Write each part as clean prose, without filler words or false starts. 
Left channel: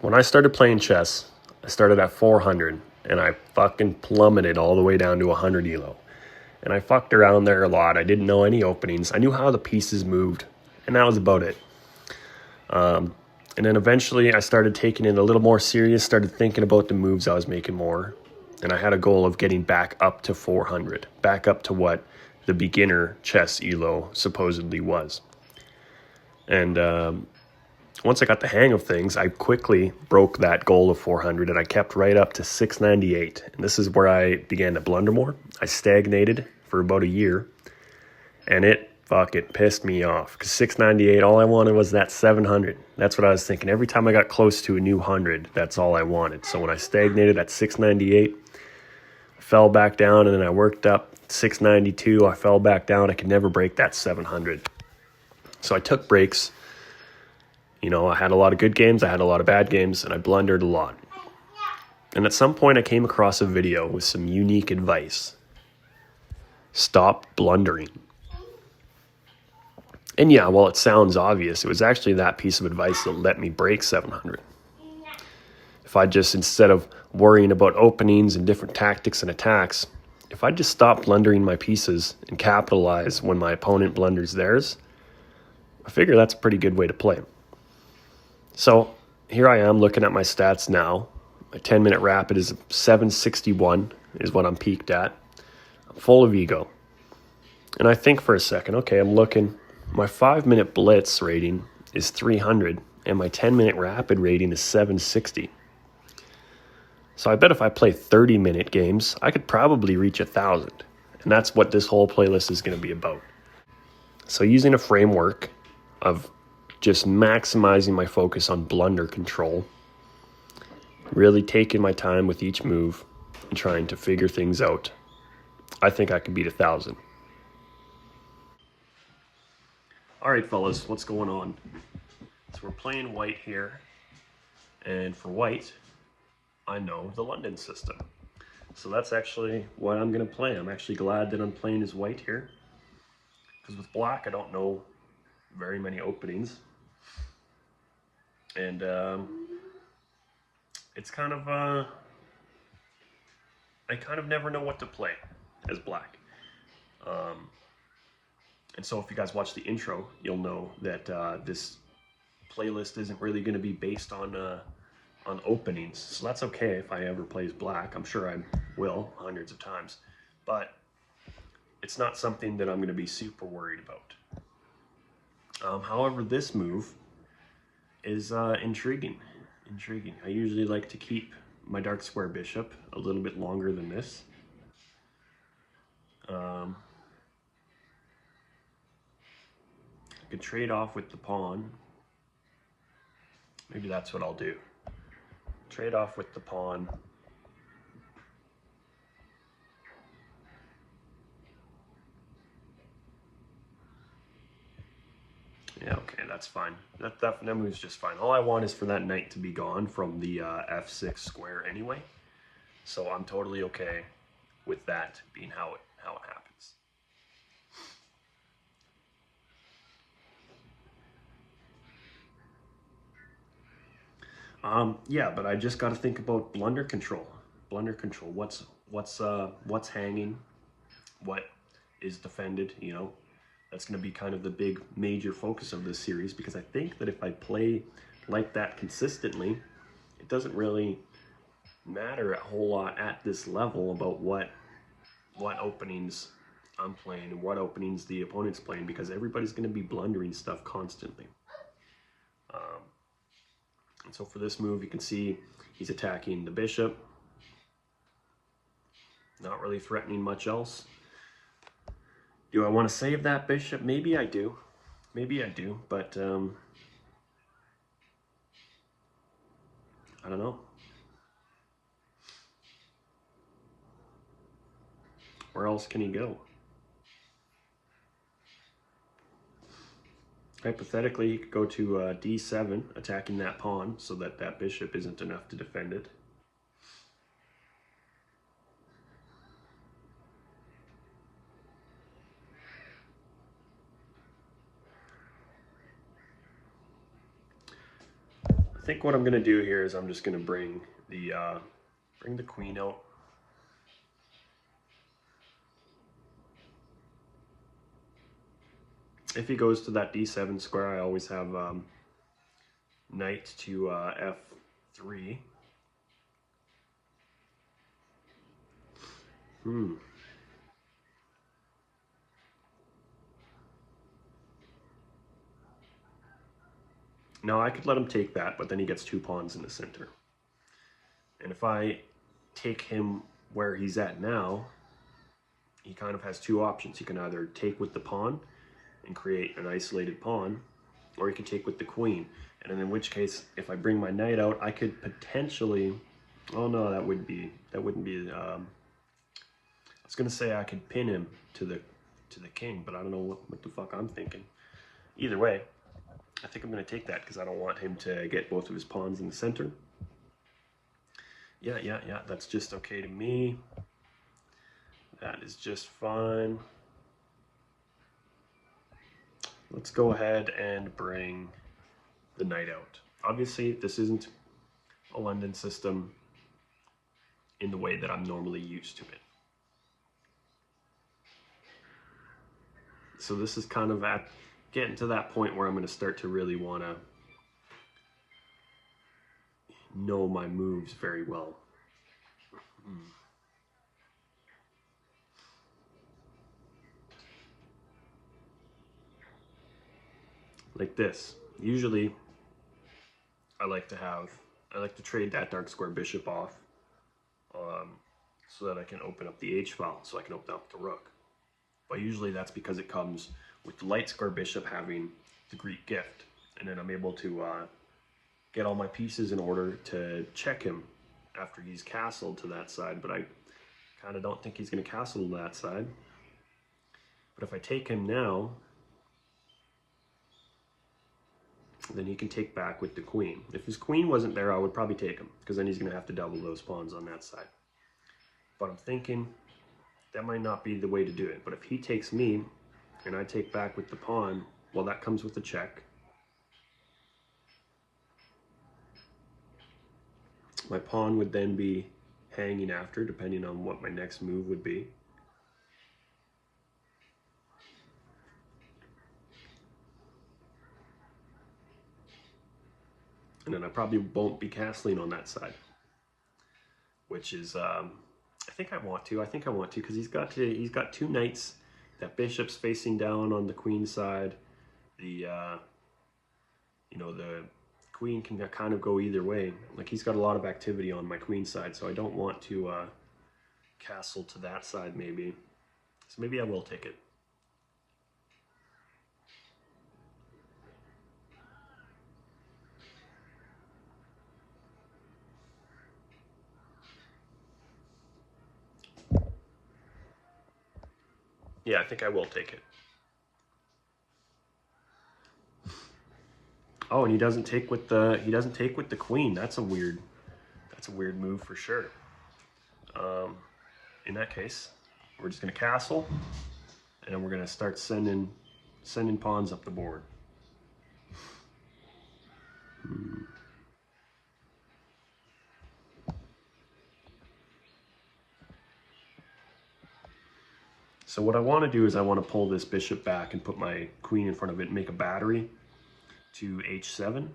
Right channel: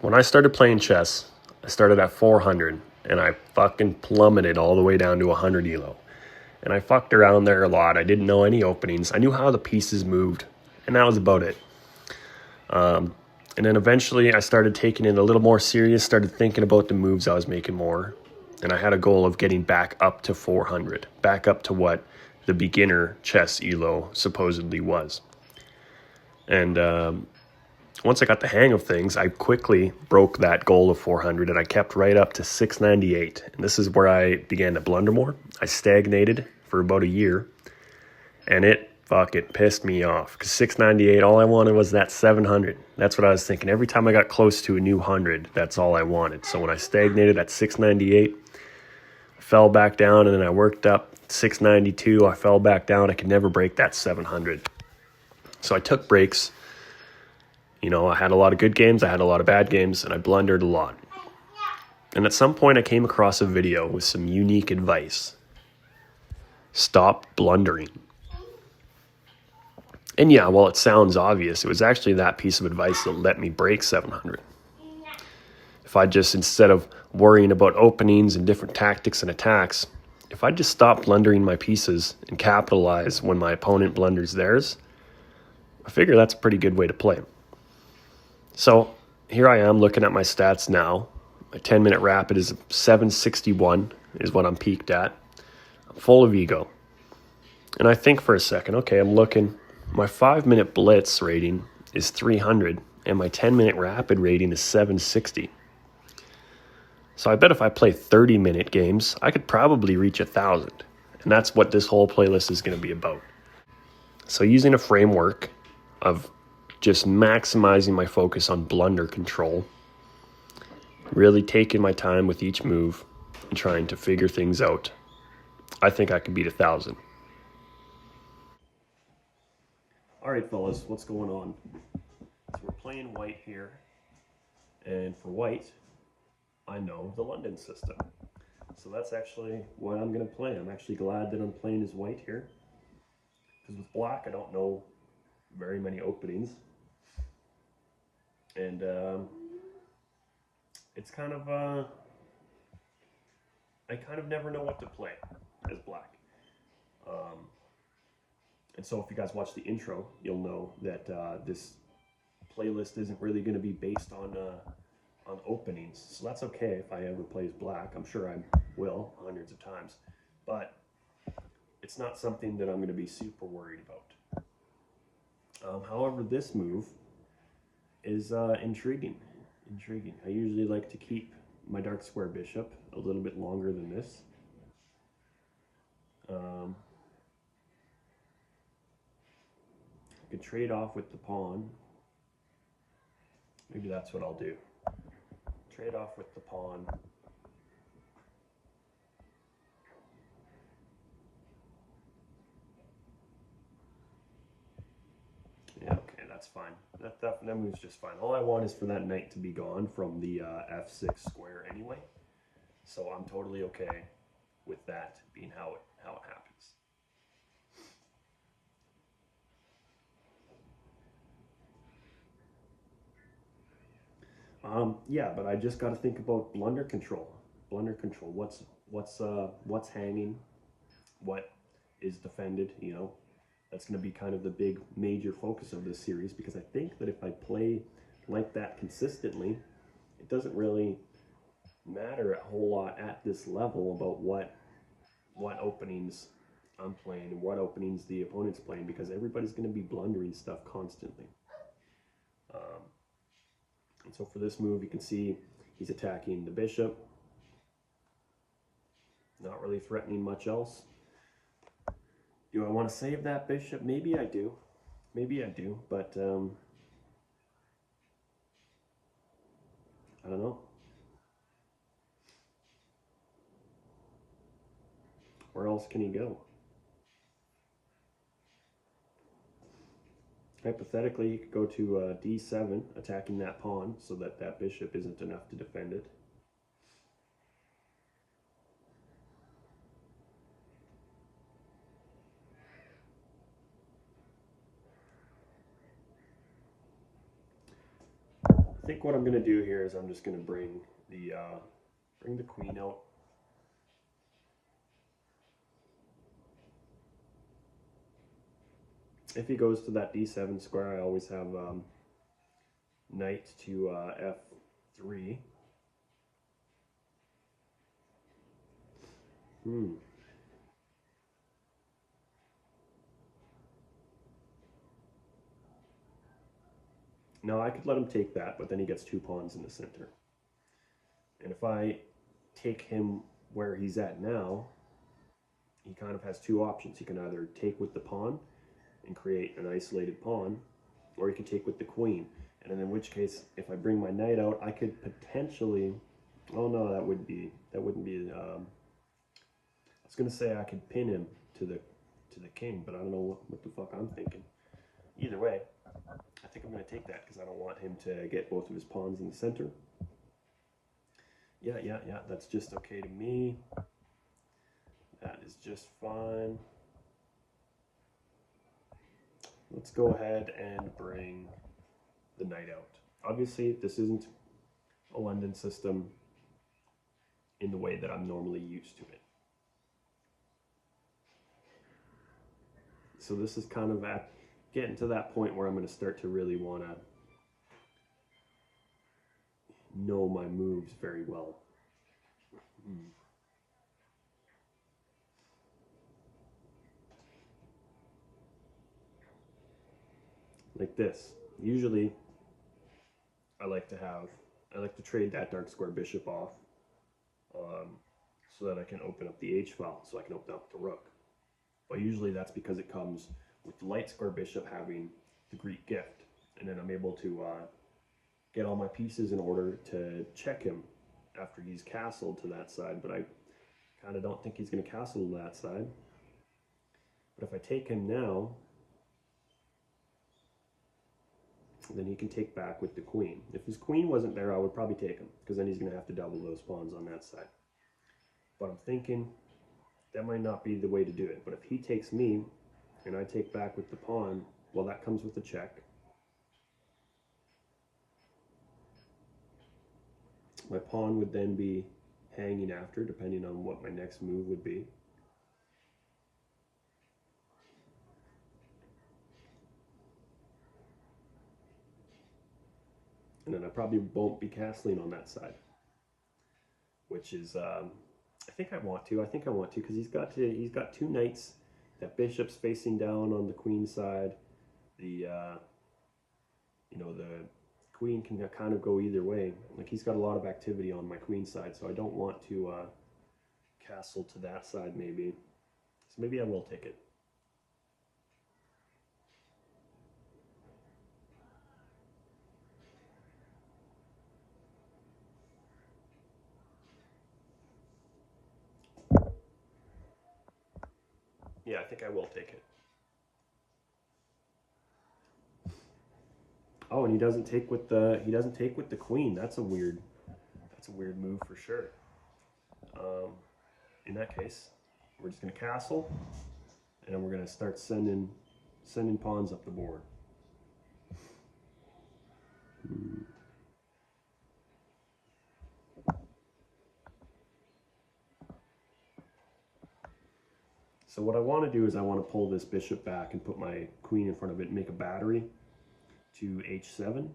When I started playing chess, I started at 400 and I fucking plummeted all the way down to 100 ELO. And I fucked around there a lot. I didn't know any openings. I knew how the pieces moved, and that was about it. And then eventually I started taking it a little more serious, started thinking about the moves I was making more. And I had a goal of getting back up to 400, back up to what the beginner chess ELO supposedly was. And once I got the hang of things, I quickly broke that goal of 400 and I kept right up to 698. And this is where I began to blunder more. I stagnated for about a year and it fucking pissed me off because 698, all I wanted was that 700. That's what I was thinking. Every time I got close to a new 100, that's all I wanted. So when I stagnated at 698, I fell back down and then I worked up 692. I fell back down. I could never break that 700. So I took breaks. You know, I had a lot of good games, I had a lot of bad games, and I blundered a lot. And at some point I came across a video with some unique advice. Stop blundering. And yeah, while it sounds obvious, it was actually that piece of advice that let me break 700. If I just, instead of worrying about openings and different tactics and attacks, if I just stop blundering my pieces and capitalize when my opponent blunders theirs, I figure that's a pretty good way to play. So here I am looking at my stats now. My 10-minute rapid is 761 is what I'm peaked at. I'm full of ego. And I think for a second, okay, I'm looking. My 5-minute blitz rating is 300 and my 10-minute rapid rating is 760. So I bet if I play 30-minute games, I could probably reach 1,000. And that's what this whole playlist is going to be about. So using a framework of just maximizing my focus on blunder control, really taking my time with each move and trying to figure things out, I think I could beat 1,000. All right, fellas, what's going on? So we're playing white here, and for white, I know the London system. So that's actually what I'm going to play. I'm actually glad that I'm playing as white here, because with black, I don't know very many openings. And it's kind of, I kind of never know what to play as black. And so if you guys watch the intro, you'll know that this playlist isn't really going to be based on openings. So that's okay if I ever play as black. I'm sure I will hundreds of times. But it's not something that I'm going to be super worried about. However, this move is intriguing. Intriguing. I usually like to keep my dark square bishop a little bit longer than this. I could trade off with the pawn. Maybe that's what I'll do. Trade off with the pawn. Yeah, okay, that's fine. That move's just fine. All I want is for that knight to be gone from the f6 square anyway. So I'm totally okay with that being how it happens. Yeah, but I just got to think about blunder control. Blunder control. What's hanging? What is defended? You know, that's going to be kind of the big major focus of this series, because I think that if I play like that consistently, it doesn't really matter a whole lot at this level about what openings I'm playing and what openings the opponent's playing, because everybody's going to be blundering stuff constantly. And so for this move, you can see he's attacking the bishop, not really threatening much else. Do I want to save that bishop? Maybe I do. Maybe I do, but I don't know. Where else can he go? Hypothetically, he could go to d7, attacking that pawn so that that bishop isn't enough to defend it. I think what I'm going to do here is I'm just going to bring the queen out. If he goes to that d7 square, I always have knight to f3. Now I could let him take that, but then he gets 2 pawns in the center. And if I take him where he's at now, he kind of has 2 options. He can either take with the pawn and create an isolated pawn, or he can take with the queen. And in which case, if I bring my knight out, I could potentially, oh no, that wouldn't be, I was gonna say I could pin him to the king, but I don't know what the fuck I'm thinking. Either way, I think I'm gonna take that because I don't want him to get both of his pawns in the center. Yeah, that's just okay to me. That is just fine. Let's go ahead and bring the knight out. Obviously, this isn't a London system in the way that I'm normally used to it. So this is kind of getting to that point where I'm going to start to really want to know my moves very well. Like this. Usually, I like to trade that dark square bishop off so that I can open up the H file, so I can open up the rook. But usually that's because it comes with the light square bishop having the Greek gift, and then I'm able to get all my pieces in order to check him after he's castled to that side, but I kind of don't think he's going to castle to that side. But if I take him now, then he can take back with the queen. If his queen wasn't there, I would probably take him, because then he's going to have to double those pawns on that side. But I'm thinking that might not be the way to do it. But if he takes me, and I take back with the pawn, well, that comes with a check. My pawn would then be hanging after, depending on what my next move would be. And then I probably won't be castling on that side, which is, I think I want to because he's got 2 knights. That bishop's facing down on the queen side. The the queen can kind of go either way. Like, he's got a lot of activity on my queen side, so I don't want to castle to that side maybe. So maybe I will take it. Yeah, I think I will take it. Oh, and he doesn't take with the queen. That's a weird move for sure. In that case, we're just gonna castle, and then we're gonna start sending pawns up the board. So what I want to do is I want to pull this bishop back and put my queen in front of it and make a battery to h7.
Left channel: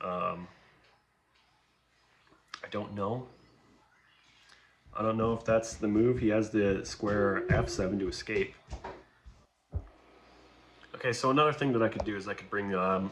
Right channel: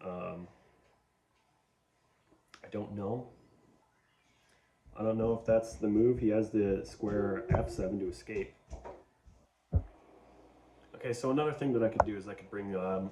I don't know if that's the move. He has the square f7 to escape. Okay, so another thing that I could do is I could bring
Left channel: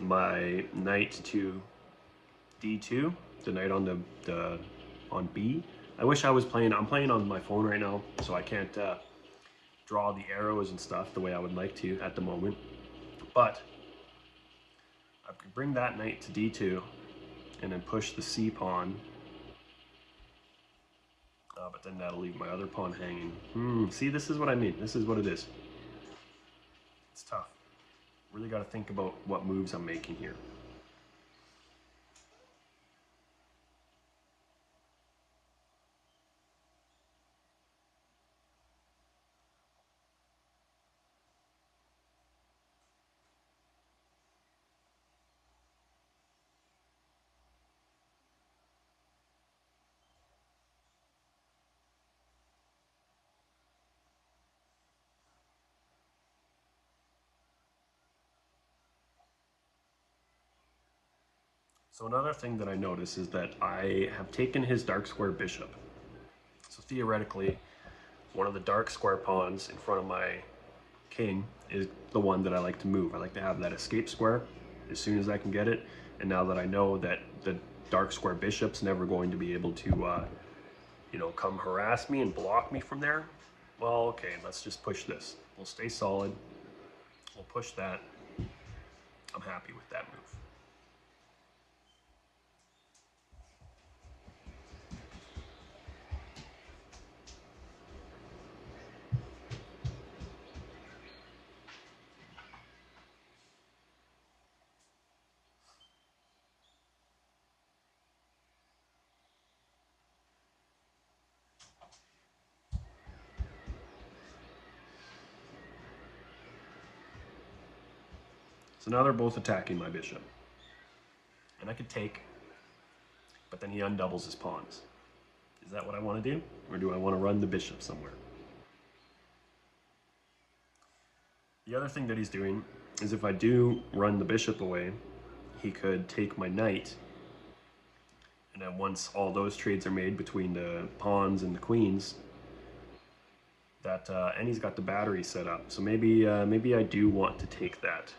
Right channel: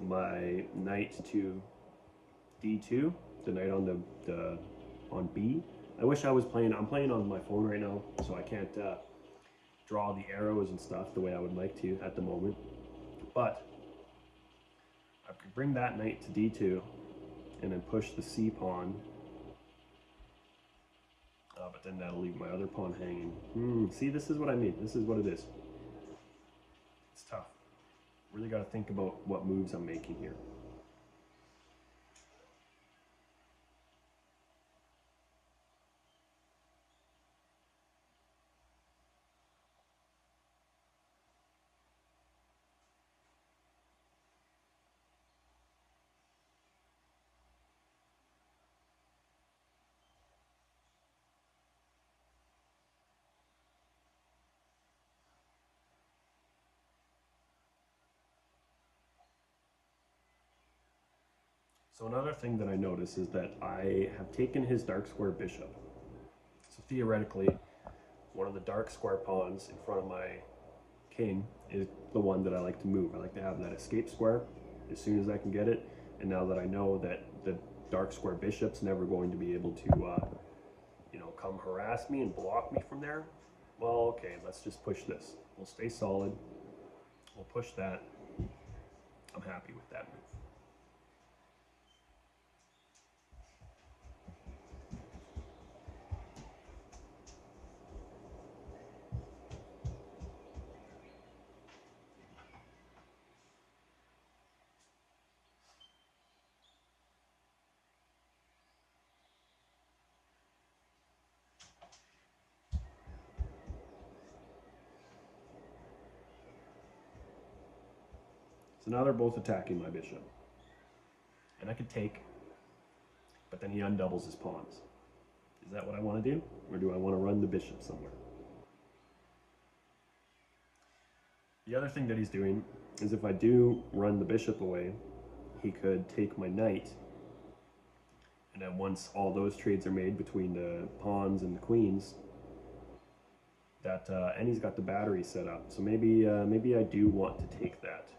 my knight to d2, the knight on on b. I wish I was playing. I'm playing on my phone right now, so I can't draw the arrows and stuff the way I would like to at the moment. But I could bring that knight to d2 and then push the c pawn. But then that'll leave my other pawn hanging. See, this is what I mean. This is what it is. It's tough. Really got to think about what moves I'm making here. So another thing that I notice is that I have taken his dark square bishop. So theoretically, one of the dark square pawns in front of my king is the one that I like to move. I like to have that escape square as soon as I can get it. And now that I know that the dark square bishop's never going to be able to, come harass me and block me from there, well, okay, let's just push this. We'll stay solid. We'll push that. I'm happy with that move. So now they're both attacking my bishop. And I could take, but then he undoubles his pawns. Is that what I want to do? Or do I want to run the bishop somewhere? The other thing that he's doing is if I do run the bishop away, he could take my knight. And then once all those trades are made between the pawns and the queens, and he's got the battery set up. So maybe I do want to take that.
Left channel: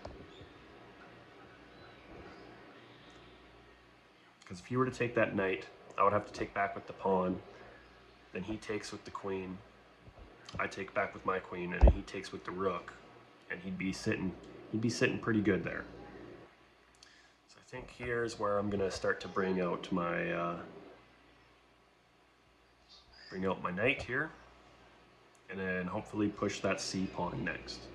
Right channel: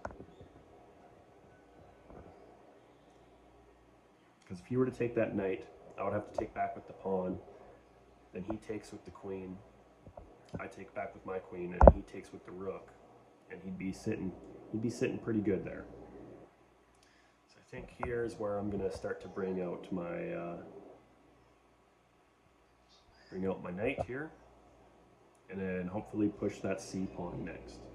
Because if he were to take that knight, I would have to take back with the pawn. Then he takes with the queen. I take back with my queen, and he takes with the rook, and he'd be sitting pretty good there. So I think here's where I'm gonna start to bring out my knight here, and then hopefully push that c pawn next.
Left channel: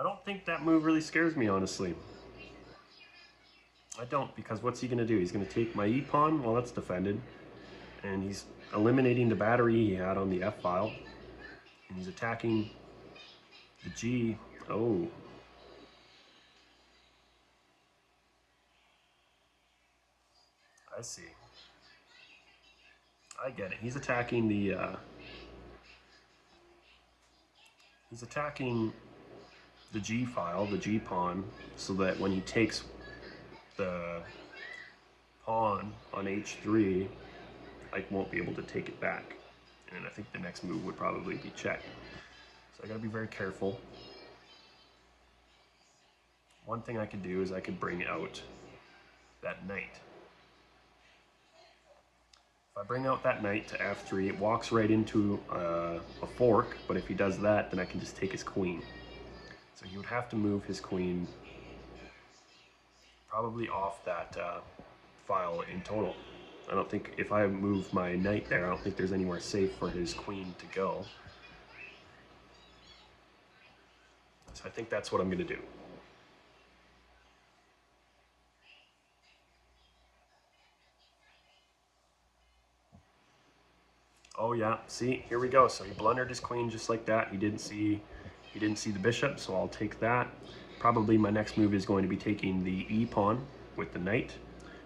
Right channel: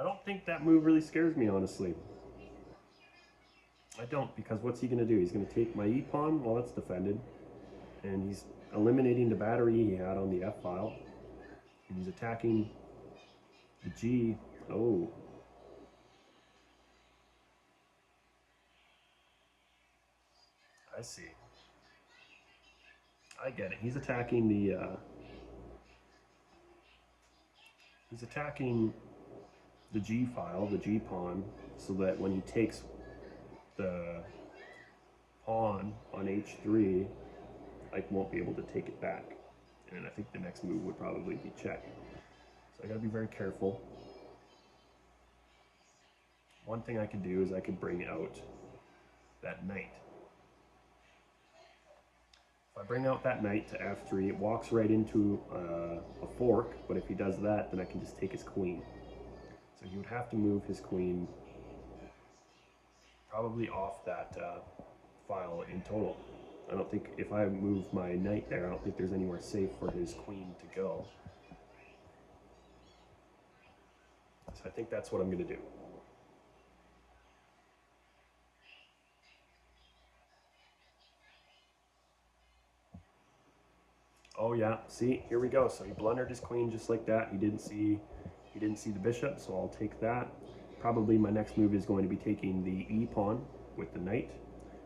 I don't think that move really scares me, honestly. I don't, because what's he going to do? He's going to take my e-pawn while that's defended, and he's eliminating the battery he had on the f-file, and he's attacking the g. Oh. I see. I get it. He's attacking the G file, the G pawn, so that when he takes the pawn on h3, I won't be able to take it back. And I think the next move would probably be check. So I gotta be very careful. One thing I could do is I could bring out that knight. If I bring out that knight to f3, it walks right into a fork, but if he does that, then I can just take his queen. So he would have to move his queen probably off that file in total. I don't think, if I move my knight there, I don't think there's anywhere safe for his queen to go. So I think that's what I'm going to do. Oh yeah, see, here we go. So he blundered his queen just like that. He didn't see the bishop, so I'll take that. Probably my next move is going to be taking the e-pawn with the knight,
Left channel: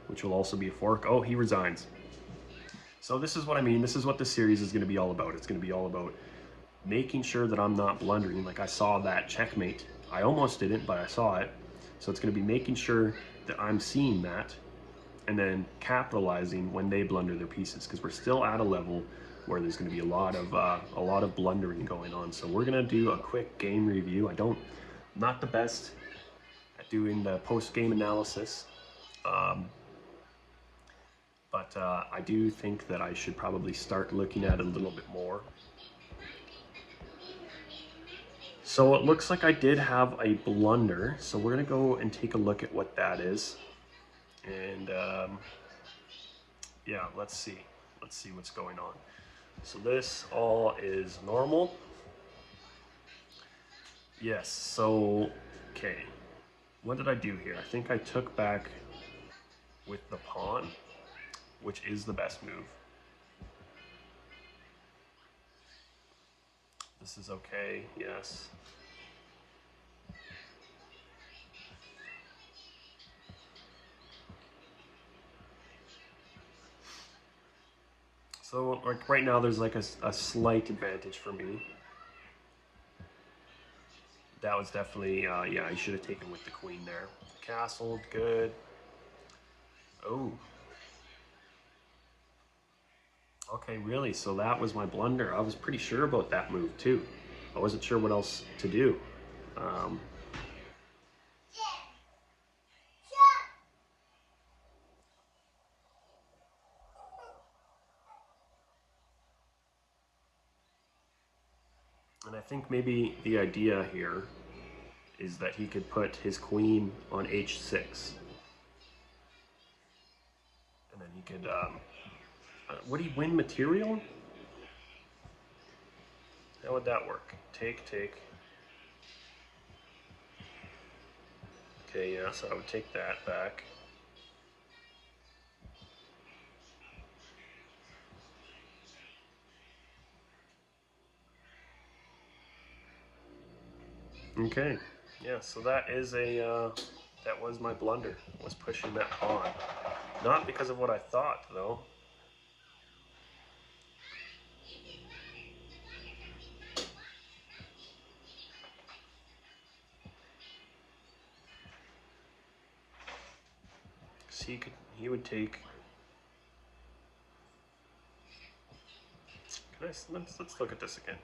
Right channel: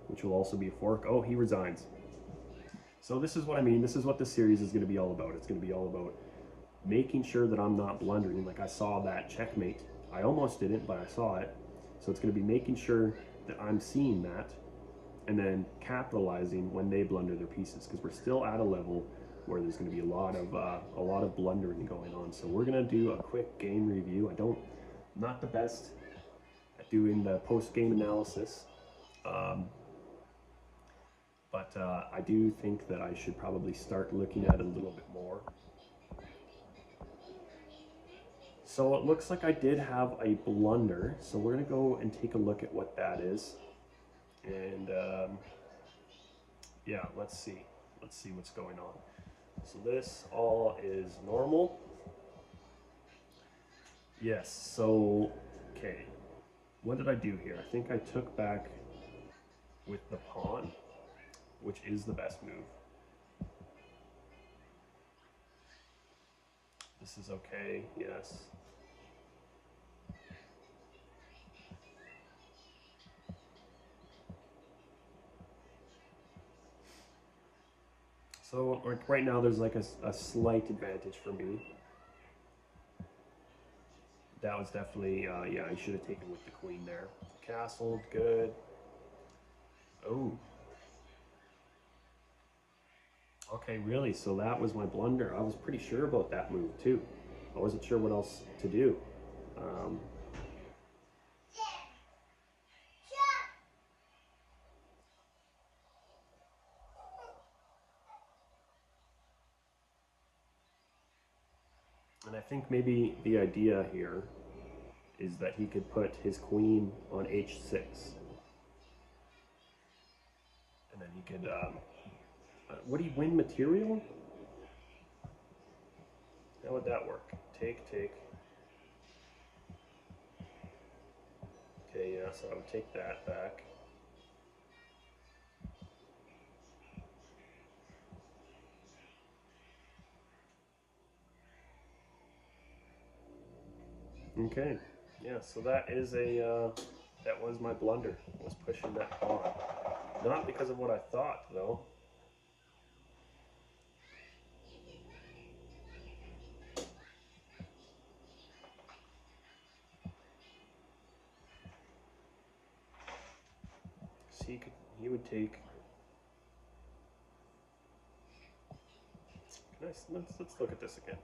which will also be a fork. Oh, he resigns. So this is what I mean. This is what this series is going to be all about. It's going to be all about making sure that I'm not blundering. Like I saw that checkmate. I almost didn't, but I saw it. So it's going to be making sure that I'm seeing that and then capitalizing when they blunder their pieces, because we're still at a level where there's going to be a lot of blundering going on. So we're going to do a quick game review. I'm not the best at doing the post-game analysis, but I do think that I should probably start looking at it a little bit more. So it looks like I did have a blunder, so we're going to go and take a look at what that is. And yeah, let's see what's going on. So this all is normal. Yes, so, okay. What did I do here? I think I took back with the pawn, which is the best move. This is okay, yes. So like right now there's like a slight advantage for me. That was definitely, yeah, I should have taken with the queen there. Castle, good. Oh, okay, really? So that was my blunder. I was pretty sure about that move too. I wasn't sure what else to do. Um, and I think maybe the idea here is that he could put his queen on h6. And then he could, would he win material? How would that work? Take, take. Okay, yeah, so I would take that back. Okay, yeah, so that is that was my blunder, was pushing that pawn. Not because of what I thought, though. Because he would take. Let's look at this again.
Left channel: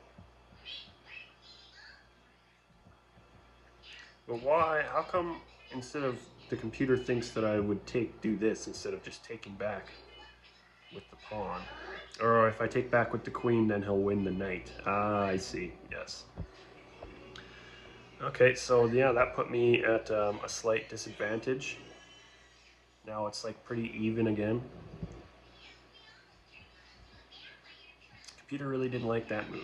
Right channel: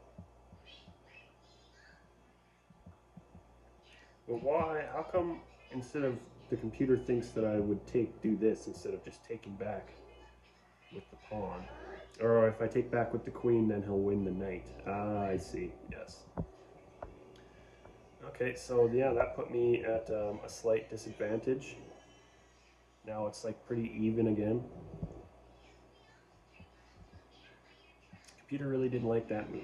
But why? How come instead of the computer thinks that I would do this instead of just taking back with the pawn? Or if I take back with the queen, then he'll win the knight. Ah, I see. Yes. Okay, so yeah, that put me at a slight disadvantage. Now it's like pretty even again. Computer really didn't like that move.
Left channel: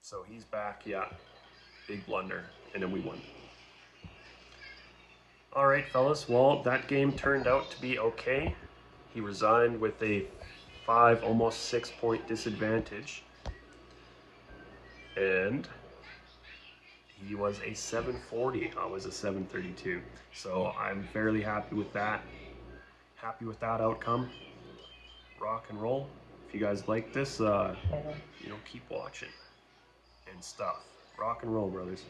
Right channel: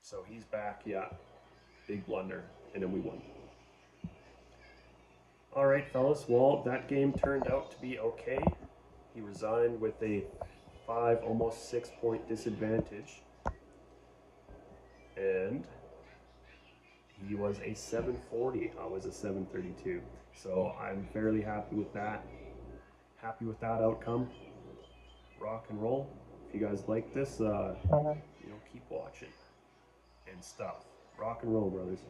So he's back, yeah. Big blunder, and then we won. All right, fellas. Well, that game turned out to be okay. He resigned with a 5, almost 6-point disadvantage. And he was a 740. I was a 732. So I'm fairly happy with that. Happy with that outcome. Rock and roll. If you guys like this, keep watching and stuff. Rock and roll, brothers.